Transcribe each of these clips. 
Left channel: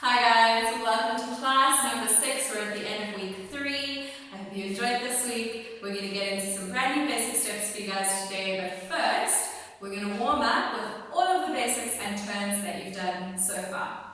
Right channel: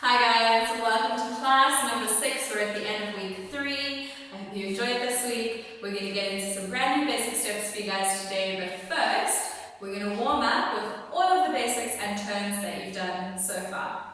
Hi guys, welcome to class number 6. We're at the end of week 3. I hope you enjoyed this week. We're going to get into some brand new basic steps for you guys today, but first we're going to warm up with all of the basics and turns that you've done so far.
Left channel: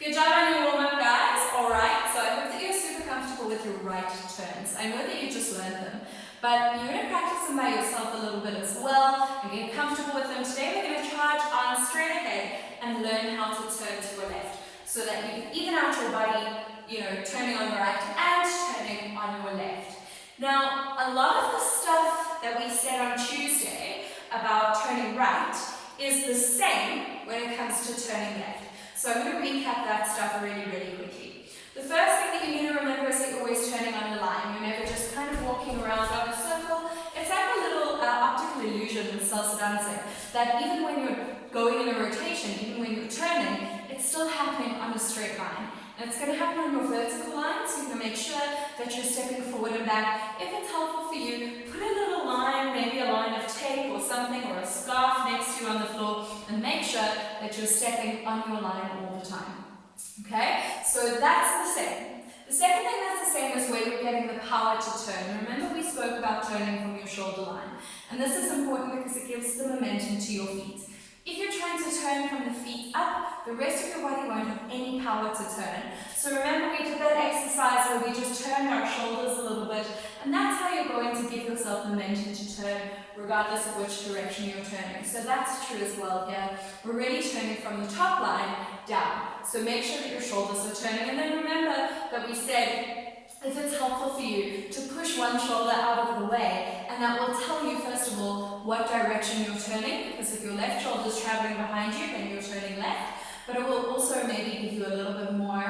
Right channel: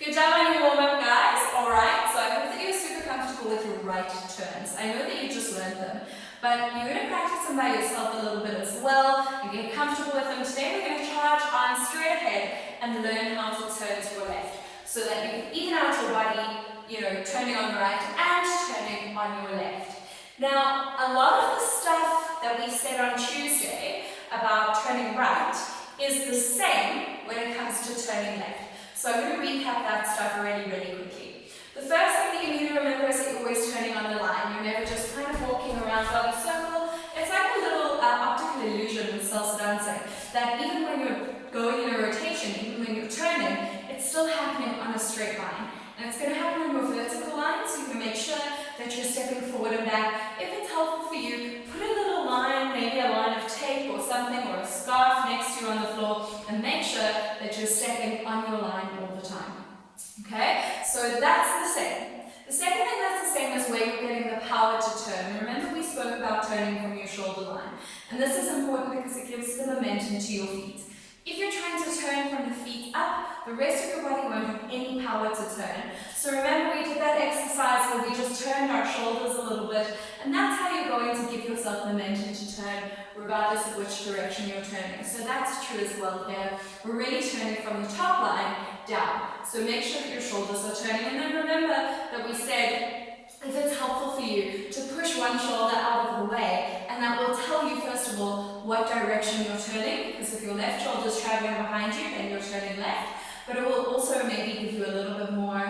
Good job on your warm-up, guys. Alright, so I hope that you're super comfortable with your right turns. I know that you just learned them, but you're going to practice them by yourself a little bit as well and get comfortable with them. Today we're going to charge on straight ahead and learn how to turn to your left so that you can even out your body, turning on the right and turning on your left. Now, a lot of the stuff that we said on Tuesday about turning right is the same when it comes to turning left. So I'm going to recap that stuff really quickly. The first thing that you need to remember is that you're always turning on a line. You're never just kind of walking around on a circle. It's like a little optical illusion in salsa dancing, that even when you're going in a rotation, even when you're turning, it's still happening on a straight line. And it's going to happen on your vertical line, so you can make sure that you're stepping forward and back. If it's helpful for you, put a little line, maybe a line of tape or something, or a scarf next to you on the floor, and make sure that you're stepping on your line all the time. Okay, so that's the same. The second thing that's the same is where you're getting the power to turn. Remember, we spoke about turning from your shoulder line, and this is important because it gives the momentum to your feet. If you're trying to turn from the feet up, the rest of your body won't have any power to turn. So remember, we did that exercise where we just turned our shoulders a little bit, and that's how you're going to give yourself momentum to turn regardless of which direction you're turning. So that's true as well here. We're really turning from the top line down. So make sure that your shoulders are turning, and then remember that we said if it's helpful for you to push one shoulder out of the way, and that will tell you first of all what direction you're turning, because if your left shoulder is traveling behind you, then you're turning left. but it will also maybe give you a little bit more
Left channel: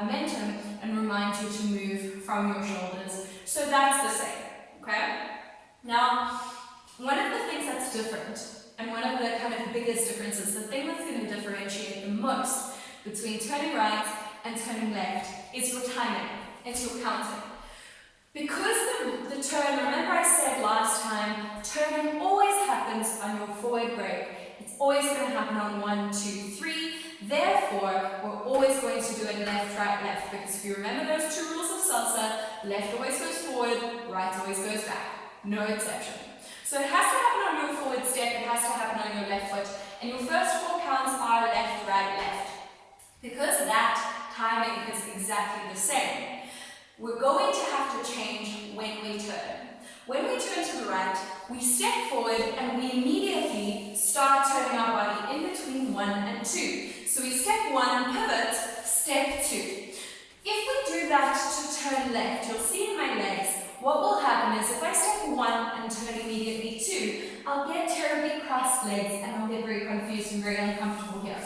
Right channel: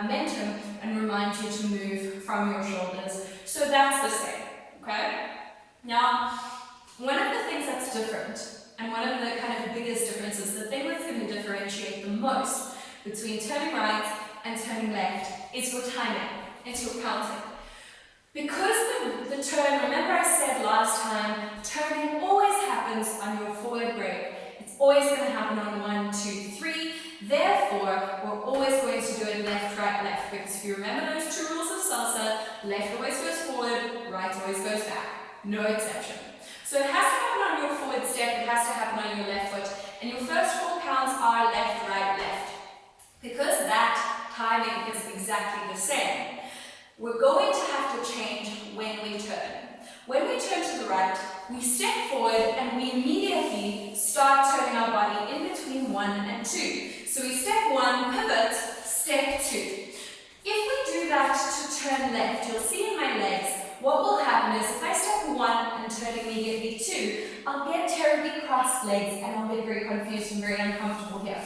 momentum and remind you to move from your shoulders. So that's the same, okay? Now, one of the things that's different, and one of the kind of biggest differences, the thing that's going to differentiate the most between turning right and turning left is your timing, it's your counting. Because the turn, remember I said last time, turning always happens on your forward break. It's always going to happen on 1, 2, 3. Therefore, we're always going to do it left, right, left. Because if you remember those 2 rules of salsa, left always goes forward, right always goes back. No exception. So it has to happen on your forward step, it has to happen on your left foot. And your first 4 counts are left, right, left. Because that timing is exactly the same, we're going to have to change when we turn. When we turn to the right, we step forward and we immediately start turning our body in between 1 and 2. So we step 1, pivot, step 2. If we do that to turn left, you'll see in my legs, what will happen is if I step 1 and turn immediately 2, I'll get terribly crossed legs and I'll get very confused and very uncomfortable here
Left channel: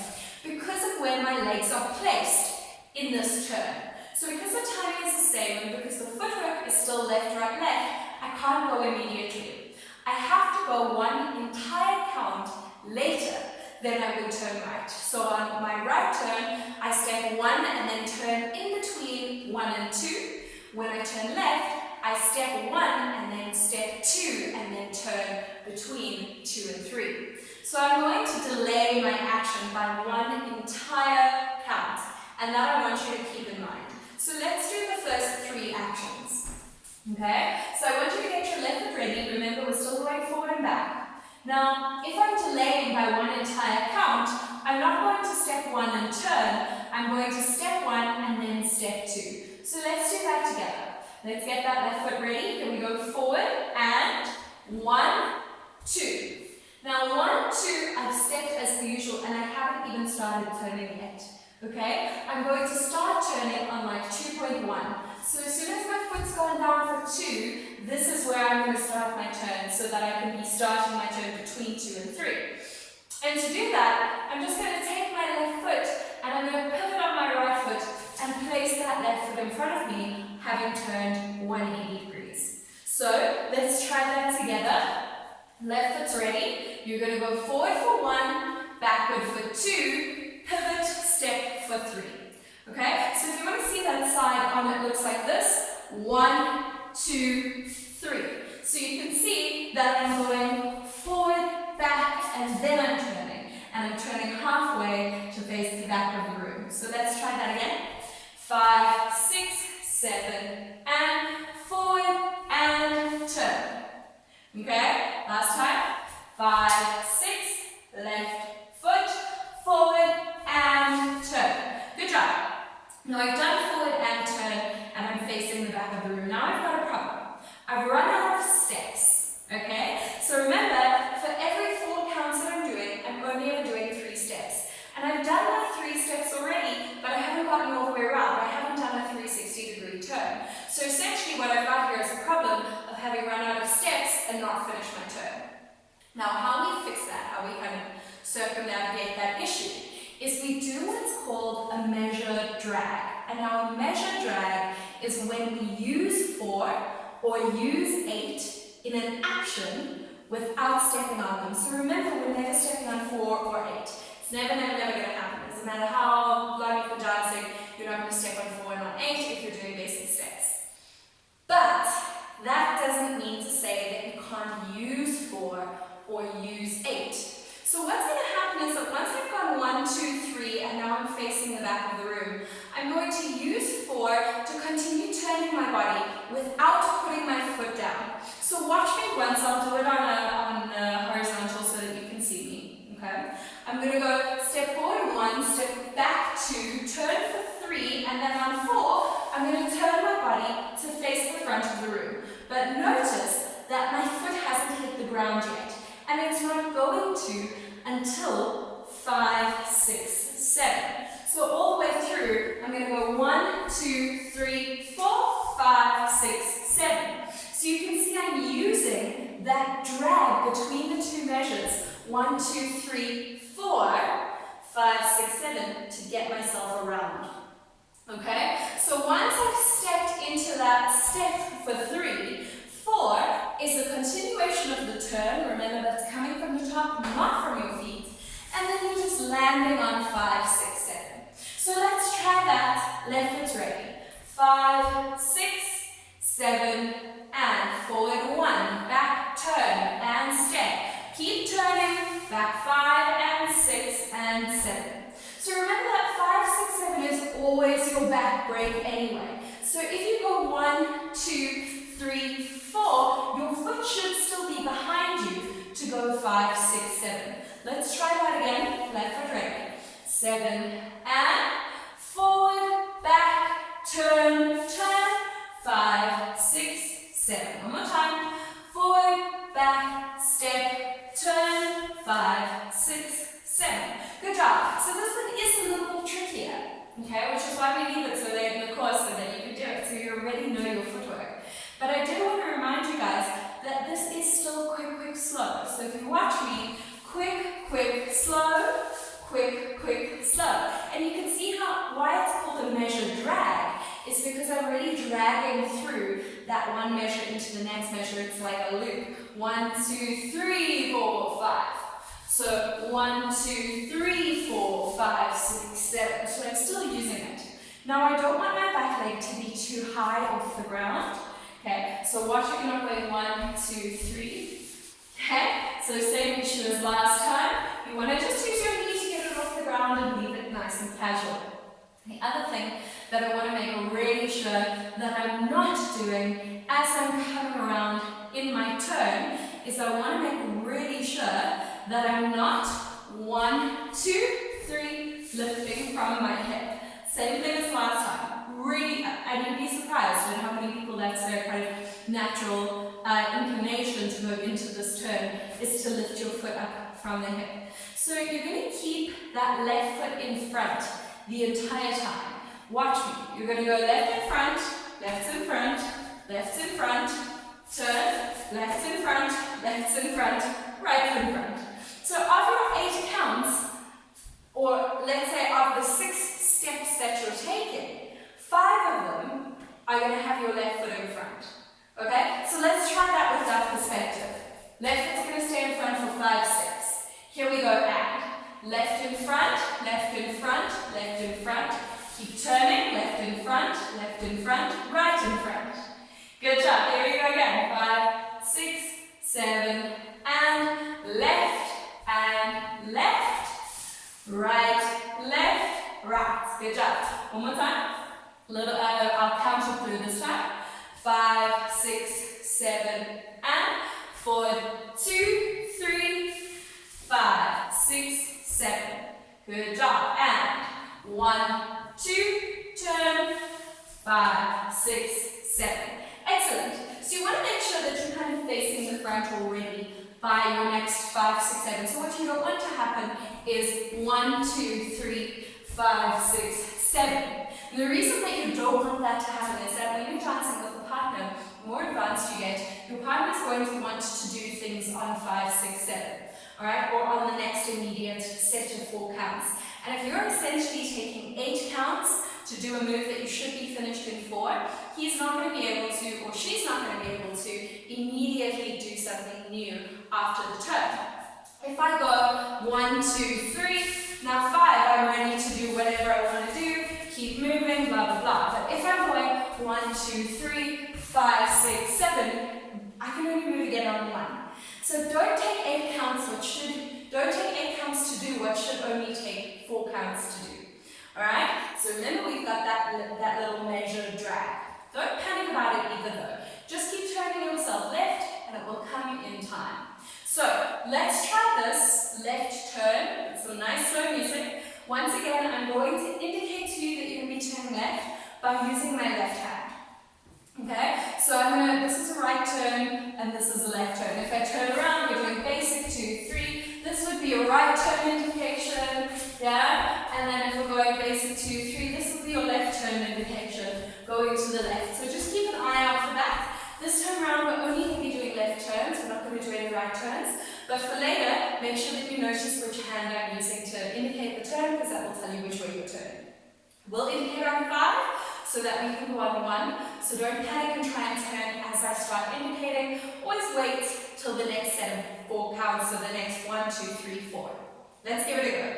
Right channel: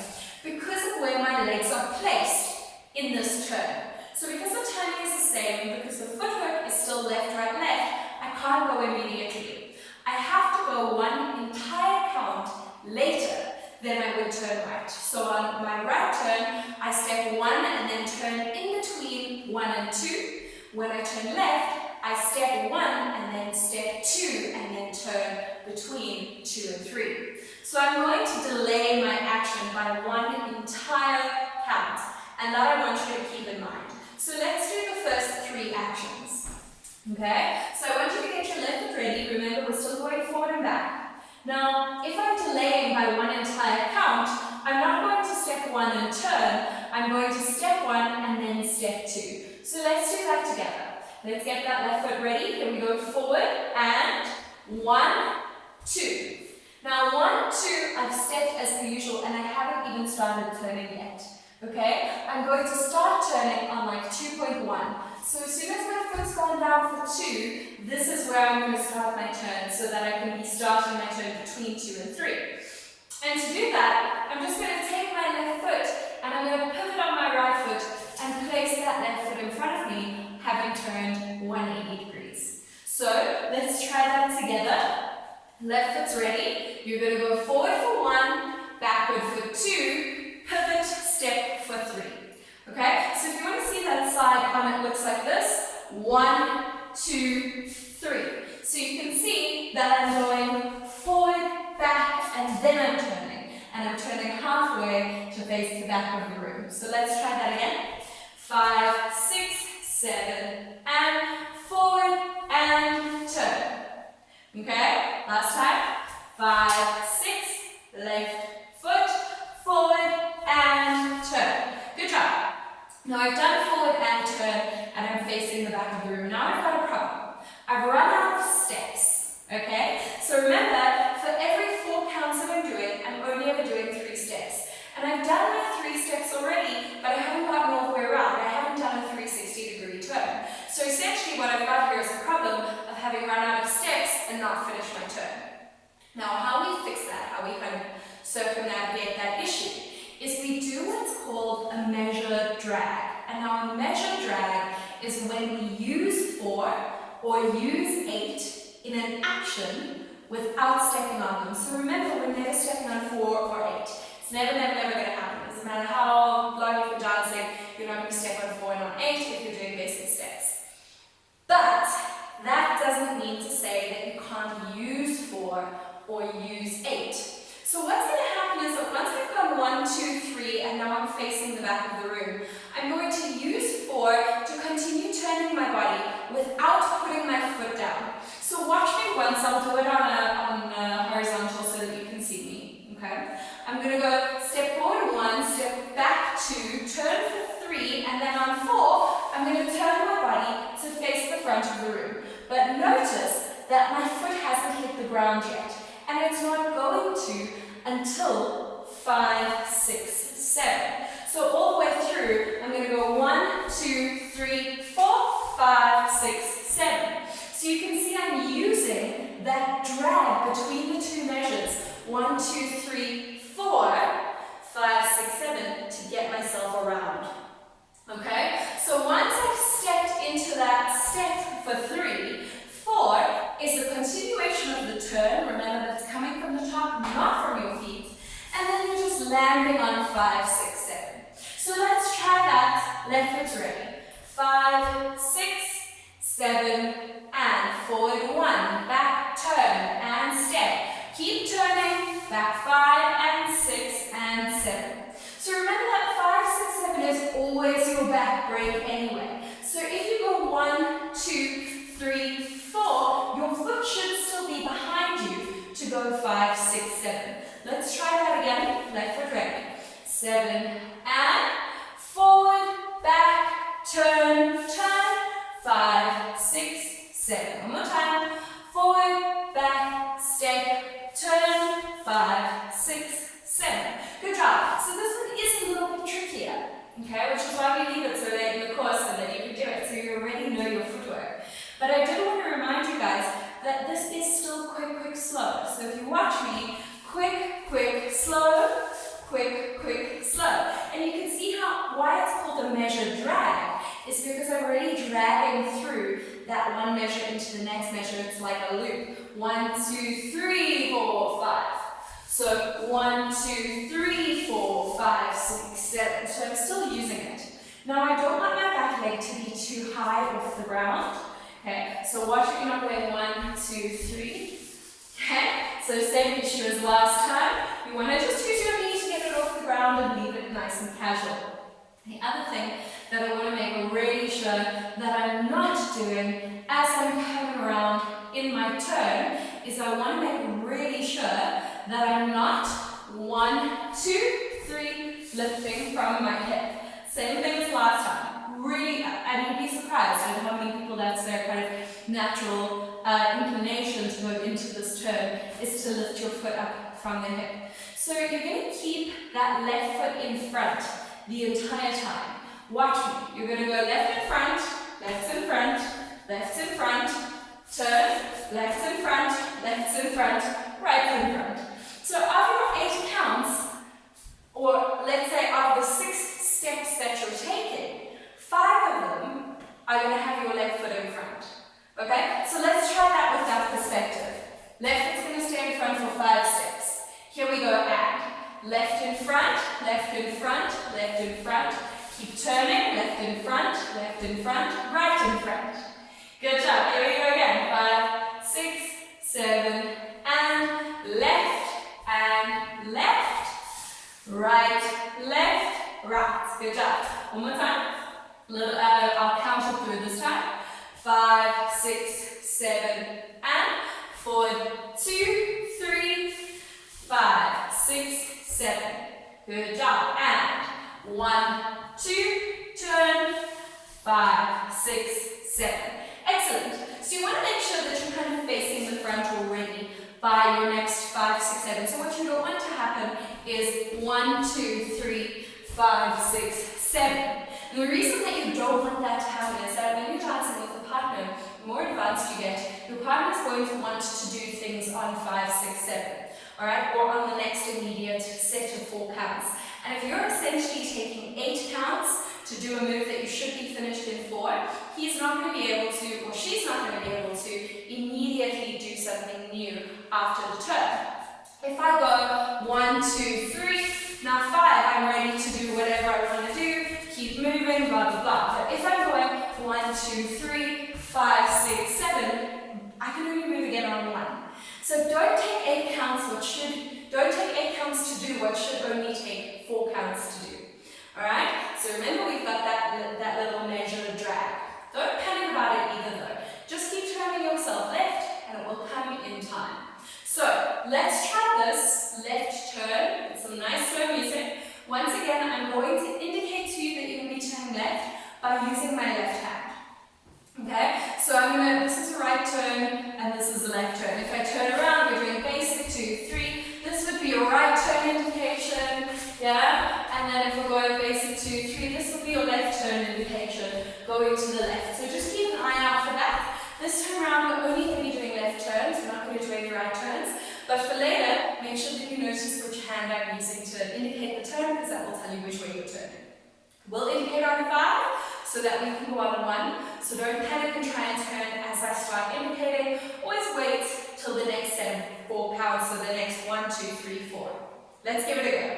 because of where my legs are placed in this turn. So because the timing is the same and because the footwork is still left, right, left, I can't go immediately. I have to go 1 entire count later than I would turn right. So on my right turn, I step 1 and then turn in between 1 and 2. When I turn left, I step 1 and then step 2 and then turn between 2 and 3. So I'm going to delay my action by 1 entire count, and that I want you to keep in mind. So let's do the first 3 actions. Okay? So I want you to get your left foot ready. Remember, we're still going forward and back. Now, if I'm delaying by 1 entire count, I'm not going to step 1 and turn. I'm going to step 1 and then step 2. So let's do that together. Let's get that left foot ready. Here we go, forward and 1, 2. Now 1, 2, I've stepped as per usual and I haven't even started turning yet. Okay? I'm going to start turning on like 2.1. So as soon as my foot's gone down for 2, this is where I'm going to start my turn so that I can be starting my turn between 2 and 3. And to do that, I'm just going to take my left foot and I'm going to pivot on my right foot and place that left foot in front of me, having turned 180 degrees. So let's try that together. Left foot's ready. You're going to go forward for 1, backward for 2, pivot, step for 3. Okay? So if you want to see that side on it looks like this. 1, 2, 3. So you can see that I'm going forward, back, and then I'm turning. And I'm turning halfway to face the back of the room. So let's try that again. 5, 6, 7, and forward, and turn. Okay? Last time. 5, 6, left foot, forward, and turn. Good job. Now I've done forward and turn, and I'm facing the back of the room. Now I've got a problem. I've run out of steps. Okay? So remember, for every 4 counts that I'm doing, I'm only ever doing 3 steps. And I've done my 3 steps already, but I haven't gotten all the way around. I haven't done a 360-degree turn. So essentially what I've got here is a problem of having run out of steps and not finished my turn. Now how we fix that, how we kind of circumnavigate that issue, is we do what's called a measured drag. And now a measured drag is when we use 4 or use 8 in an action without stepping on them. So remember, we're never stepping on 4 or 8. It's never, never, never going to happen. It doesn't matter how long you've been dancing, you're not going to step on 4 and on 8 if you're doing basic steps. But that doesn't mean to say that you can't use 4 or use 8. So what's going to happen is that once I've gone 1, 2, 3, and now I'm facing the back of the room, I'm going to use 4 to continue turning my body without putting my foot down. So watch me once. I'll do it on a horizontal so that you can see me. Okay? I'm going to go step forward 1, step back 2, turn for 3, and then on 4, I'm going to turn my body to face the front of the room. But notice that my foot hasn't hit the ground yet, and it's not going to until 5, 6, 7. So all the way through, I'm going to go 1, 2, 3, 4, 5, 6, 7. So you can see I'm using that drag between the 2 measures, 1, 2, 3, 4, 5, 6, 7, landing on 5, 6, 7. So let's try that. Left foot's ready. 5, 6, 7, and forward 1. Back, turn, and step. Keep turning. Back 5 and 6 and 7. So remember that 5, 6, 7 is always your back break anyway. So if you go 1, 2, 3, 4, your foot should still be behind you to go 5, 6, 7. Let's try that again. Left foot ready. 7 and forward, back, turn, turn. 5, 6, 7. One more time. Forward, back, step, turn. 5, 6, 7. Good job. So this one is a little bit trickier, okay, which is why we leave it so late in the course so that you can do it, so you already know your footwork. But I did want to remind you guys that this is still quick, quick, slow. So if you watch me, quick, quick, slow, quick, quick, slow. And you can see why it's called a measure drag is because I'm already dragging through that one measure into the next measure. It's like a loop. 1, 2, 3, 4, 5. So 1, 2, 3, 4, 5, 6, 7. So I'm still using it. Now I don't want my back leg to be too high off the ground. Okay, so watch it, you're not going 1, 2, 3. Okay, so same issue as last time. You want to just use your knee to get it off the ground and leave it nice and casual. The other thing that I want to make really sure that I'm not doing as I'm coming around in my turn is I want to make really sure that I'm not 1, 2, 3 lifting from my hip. Same thing as last time. Really, and you'd be surprised at how many people that's their kind of natural inclination to go into this turn is to lift your foot up from the hip. So you're going to keep that left foot in front the entire time. Watch me. You're going to go left in front, left in front, left in front, turn, left in front, left in front, right in front. So of your 8 counts, or let's say of the 6 steps that you're taking, 5 of them are going to have your left foot in front. Okay? So let's try that with that perspective. Left foot's going to stay in front for 5 steps. Here we go, and left in front, left in front, left in front. Keep turning, left in front, right in front. Good job. Here we go again. 5, 6, 7, and left, right, left, right. Good job. One more time. I'll count it through this time. 5, 6, 7, and forward. 2, 3, 5, 6, 7. Good job. And 1, 2, turn. 5, 6, 7. Excellent. So you want to make sure that you're kind of facing the front already by your next 5, 6, 7. So what you don't want to happen is 1, 2, 3, 5, 6, 7. And the reason that you don't want that to happen is that when you're dancing with a partner, the more advanced you get, your partner is going to want to do things on 5, 6, 7. Alright, or on the next immediate set of 4 counts. And if you're essentially taking 8 counts to do a move that you should be finished in 4, he's not going to be able to, or she's not going to be able to immediately do something new after the turn. If I go 1, 2, 3, now 5, I'm ready to do whatever I want to do, keep moving, blah, blah, blah. But if I'm going 1, 2, 3, 5, 6, 7, I can only move again on 1. So don't take 8 counts don't take 8 counts to do what should only take 4 counts to do. Alright? So remember we've got that little measure drag. Don't panic about it either though. Just keep turning yourself left and it will come in time. So let's try this left turn with some nice slow music. Once again, I'm going to indicate to you that you're going to be turning left by using my left hand. Okay, so this is a right turn and this is a left turn. If I turn around, we're doing basic 2, 3. This would be a right turn indication, yeah? And then if we're going basic 2, 3, this will be your left turn indication, going to the left. So just keep an eye out for that. This time around, we're only going to be doing left turns. We're not going to do any right turns. But for later, make sure that you notice which hand I'm using to indicate the turn, because that will tell you which way you're turning. We'll indicate on 5, so that we can go on 1. So don't panic and try and turn as I start indicating. Always wait till the next set of 4 counts, so the next 1, 2, 3, 4. Let's give it a go.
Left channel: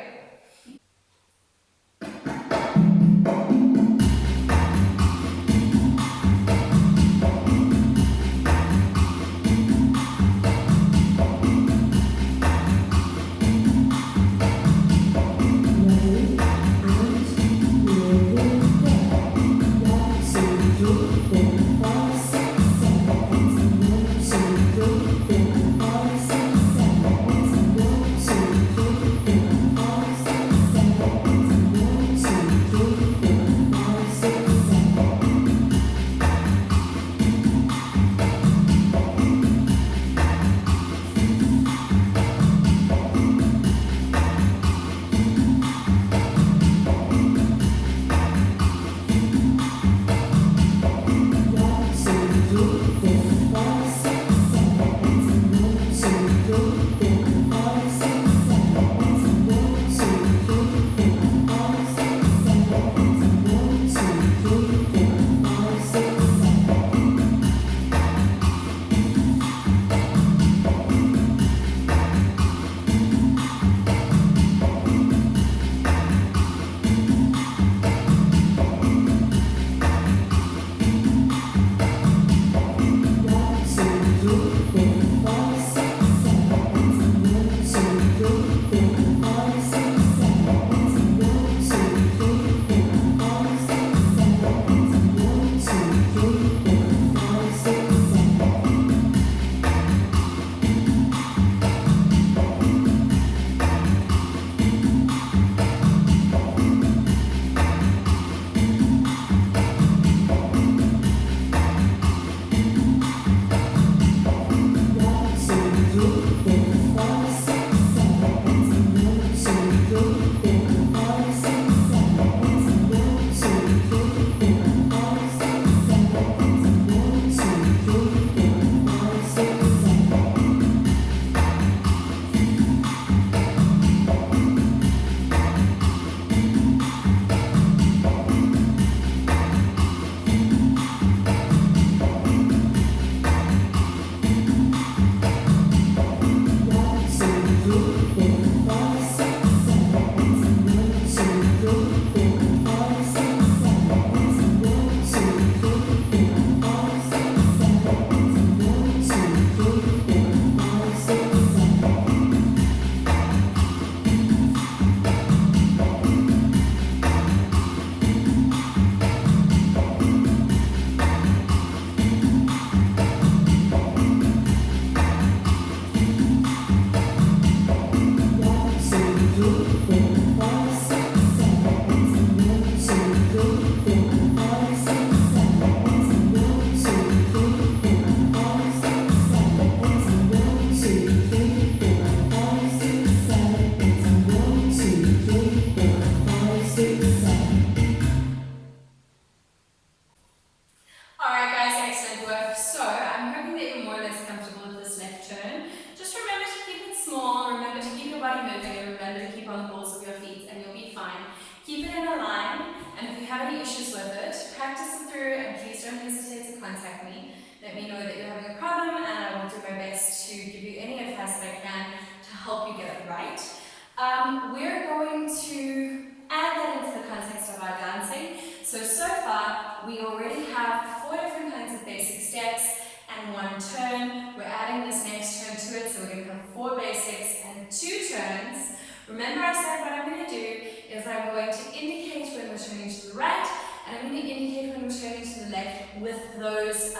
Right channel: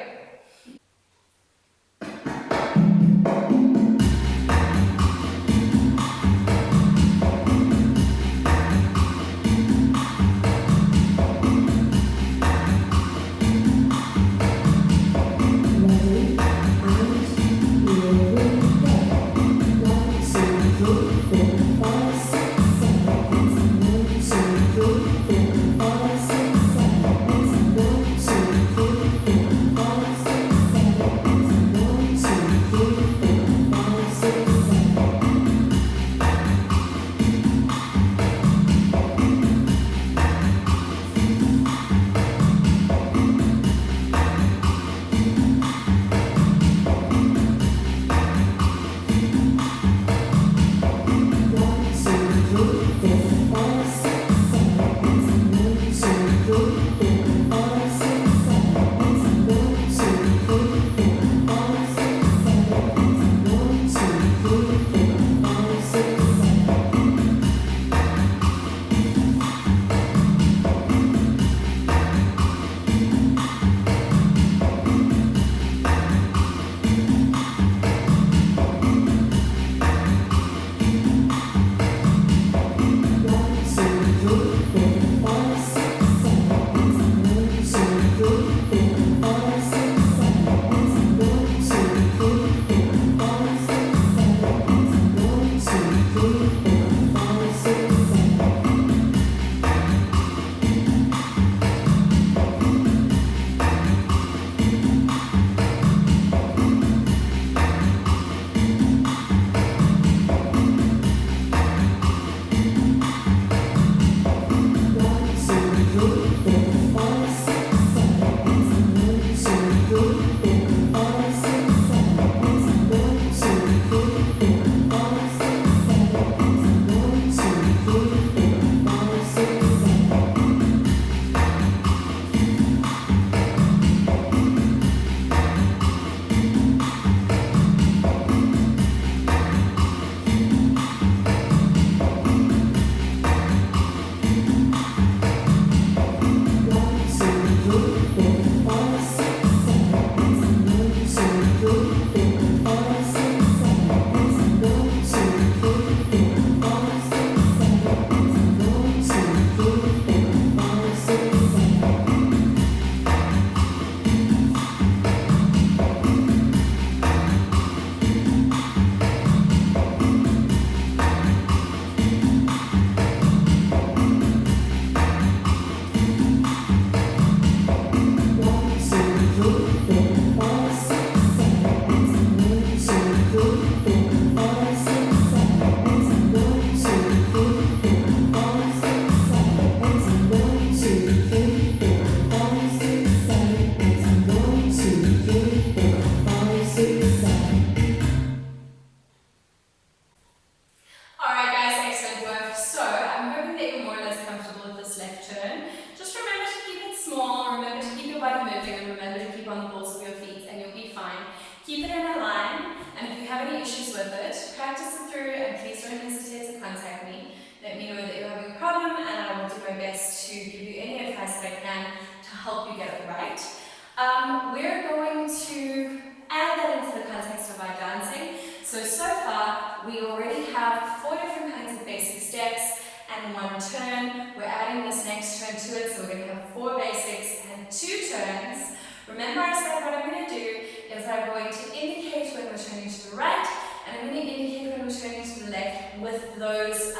body moving, and remember to keep on the balls of your feet and you'll be fine. Keep it in a line, and if you have any issues with it, practice it through and please don't hesitate to contact me. Let me know that you're having a problem and I will do my best to give you any advice that I can to help you get it right. We're going to add that into the context of our dancing. So far, we already have 4 different kinds of basic steps and 1 turn. We're adding this next turn to it, so we're going to have 4 basics and 2 turns. Remember I said what I'm going to do is I'm going to indicate when we're turning to the right, and I'm going to indicate when we're turning to the left with those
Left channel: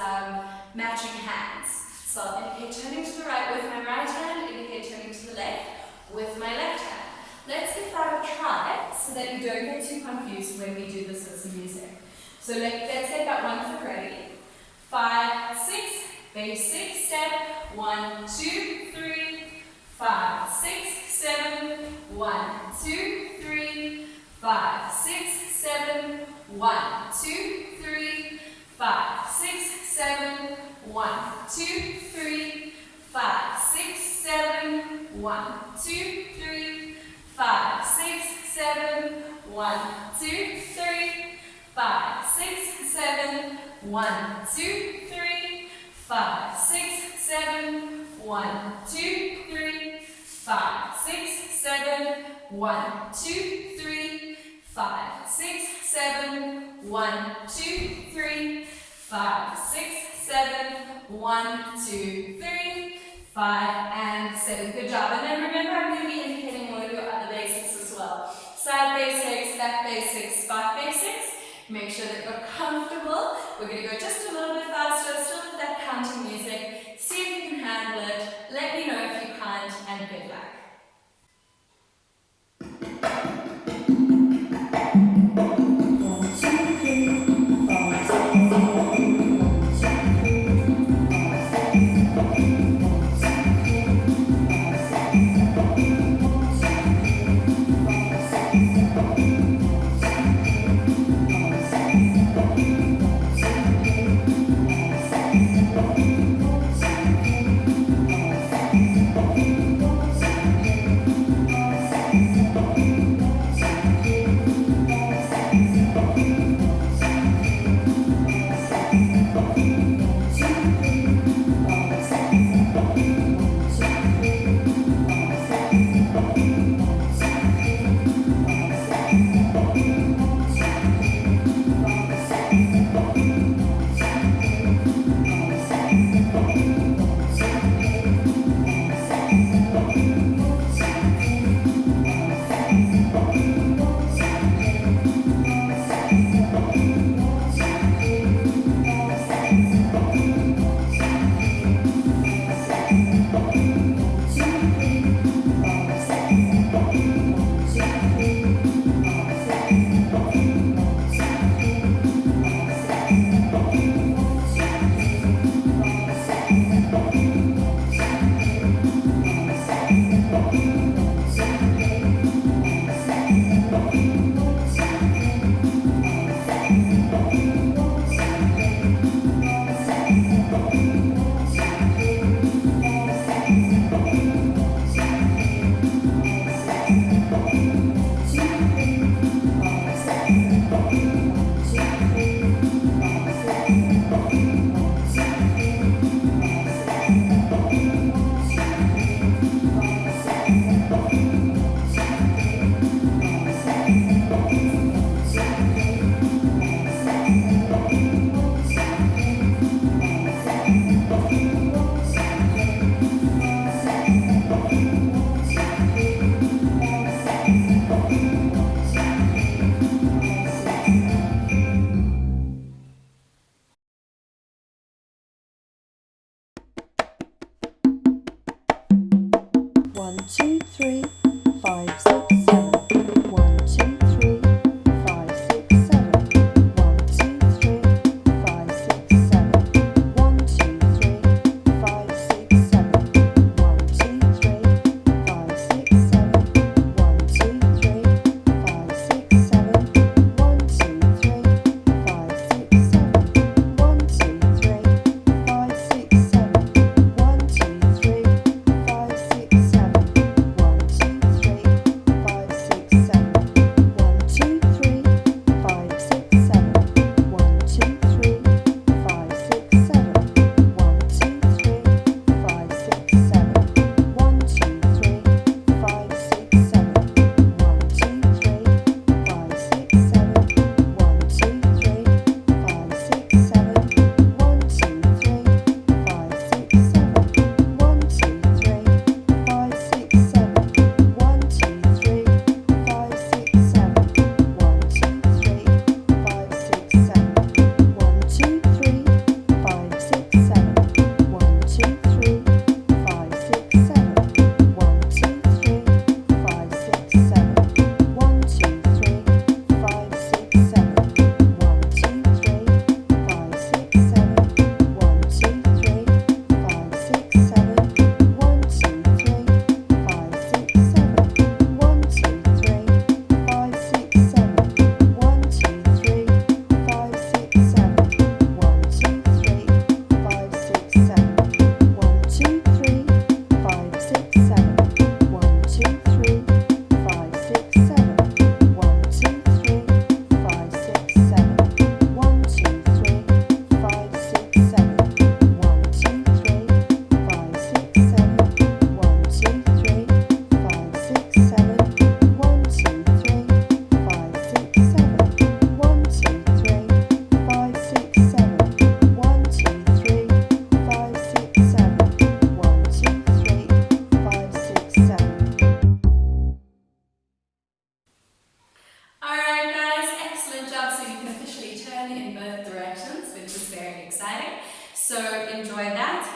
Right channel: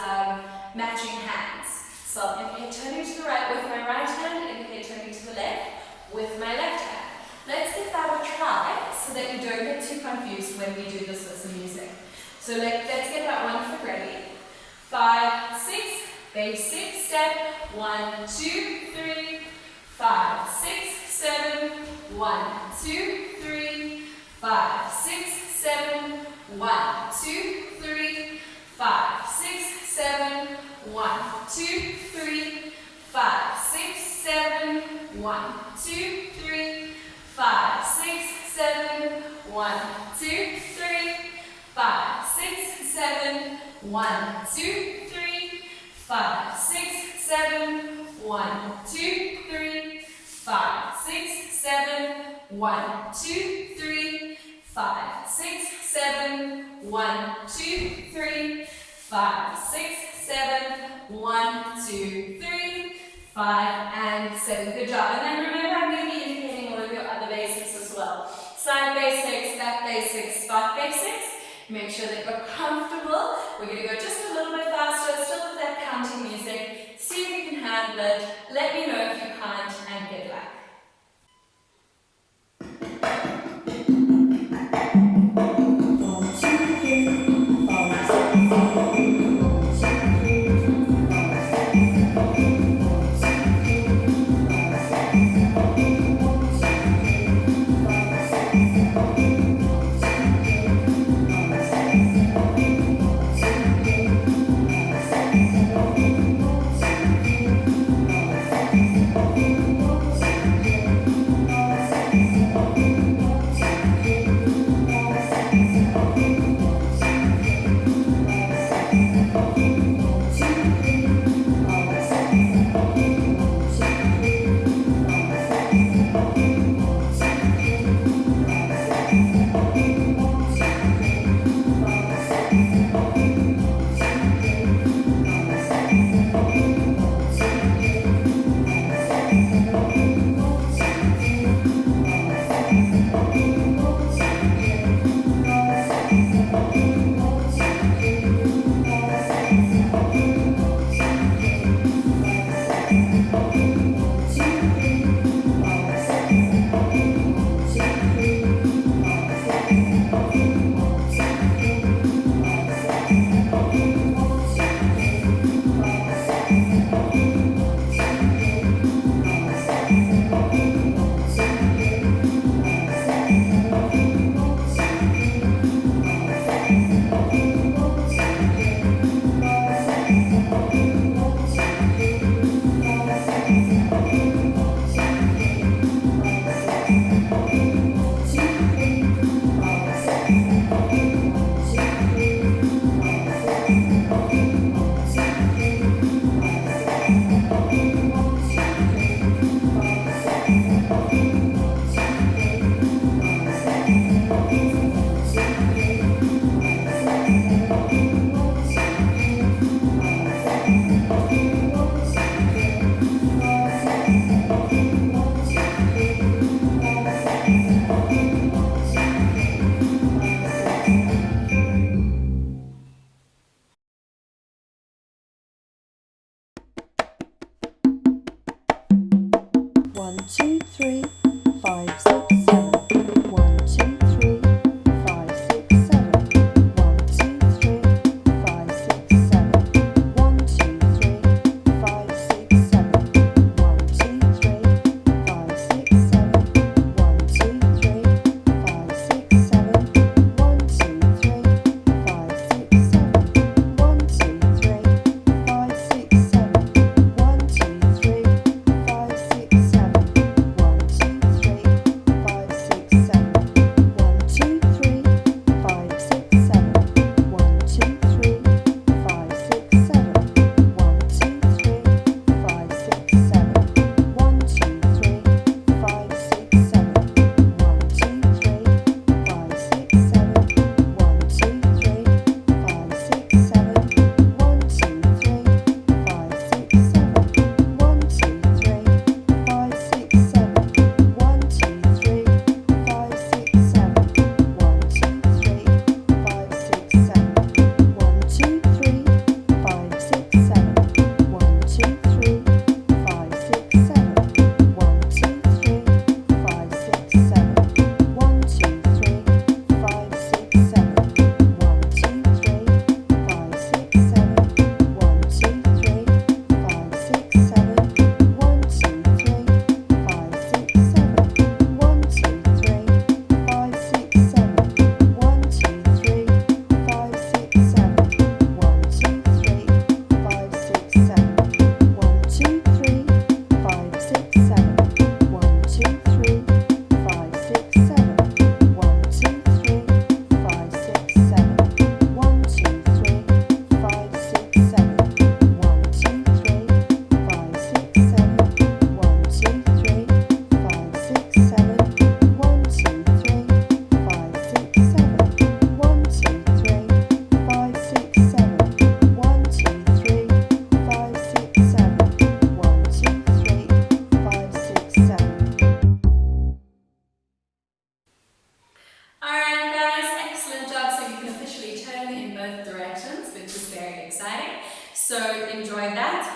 matching hands. So I'll indicate turning to the right with my right hand, indicate turning to the left with my left hand. Let's give that a try so that you don't get too confused when we do this with some music. So let's get that one foot ready. 5, 6, basic step. 1, 2, 3, 5, 6, 7. 1, 2, 3, 5, 6, 7. 1, 2, 3, 5, 6, 7. 1, 2, 3, 5, 6, 7. 1, 2, 3, 5, 6, 7. 1, 2, 3, 5, 6, 7. 1, 2, 3, 5, 6, 7. 1, 2, 3, 5, 6, 7. 1, 2, 3, 5, 6, 7. 1, 2, 3, 5, 6, 7. 1, 2, 3, 5, and 7. Good job. And then remember, I'm going to be indicating all of your other basics as well. Side basics, back basics, spot basics. Make sure that you're comfortable. We're going to go just a little bit faster, still with that counting music. See if you can handle it. Let me know if you can't, and get back.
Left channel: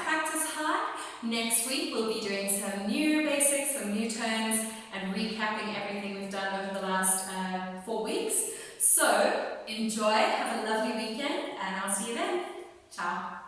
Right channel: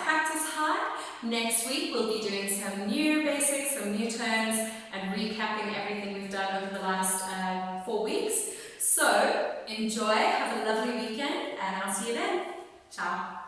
practice hard. Next week we'll be doing some new basics, some new turns, and recapping everything we've done over the last 4 weeks. So enjoy, have a lovely weekend, and I'll see you then. Ciao.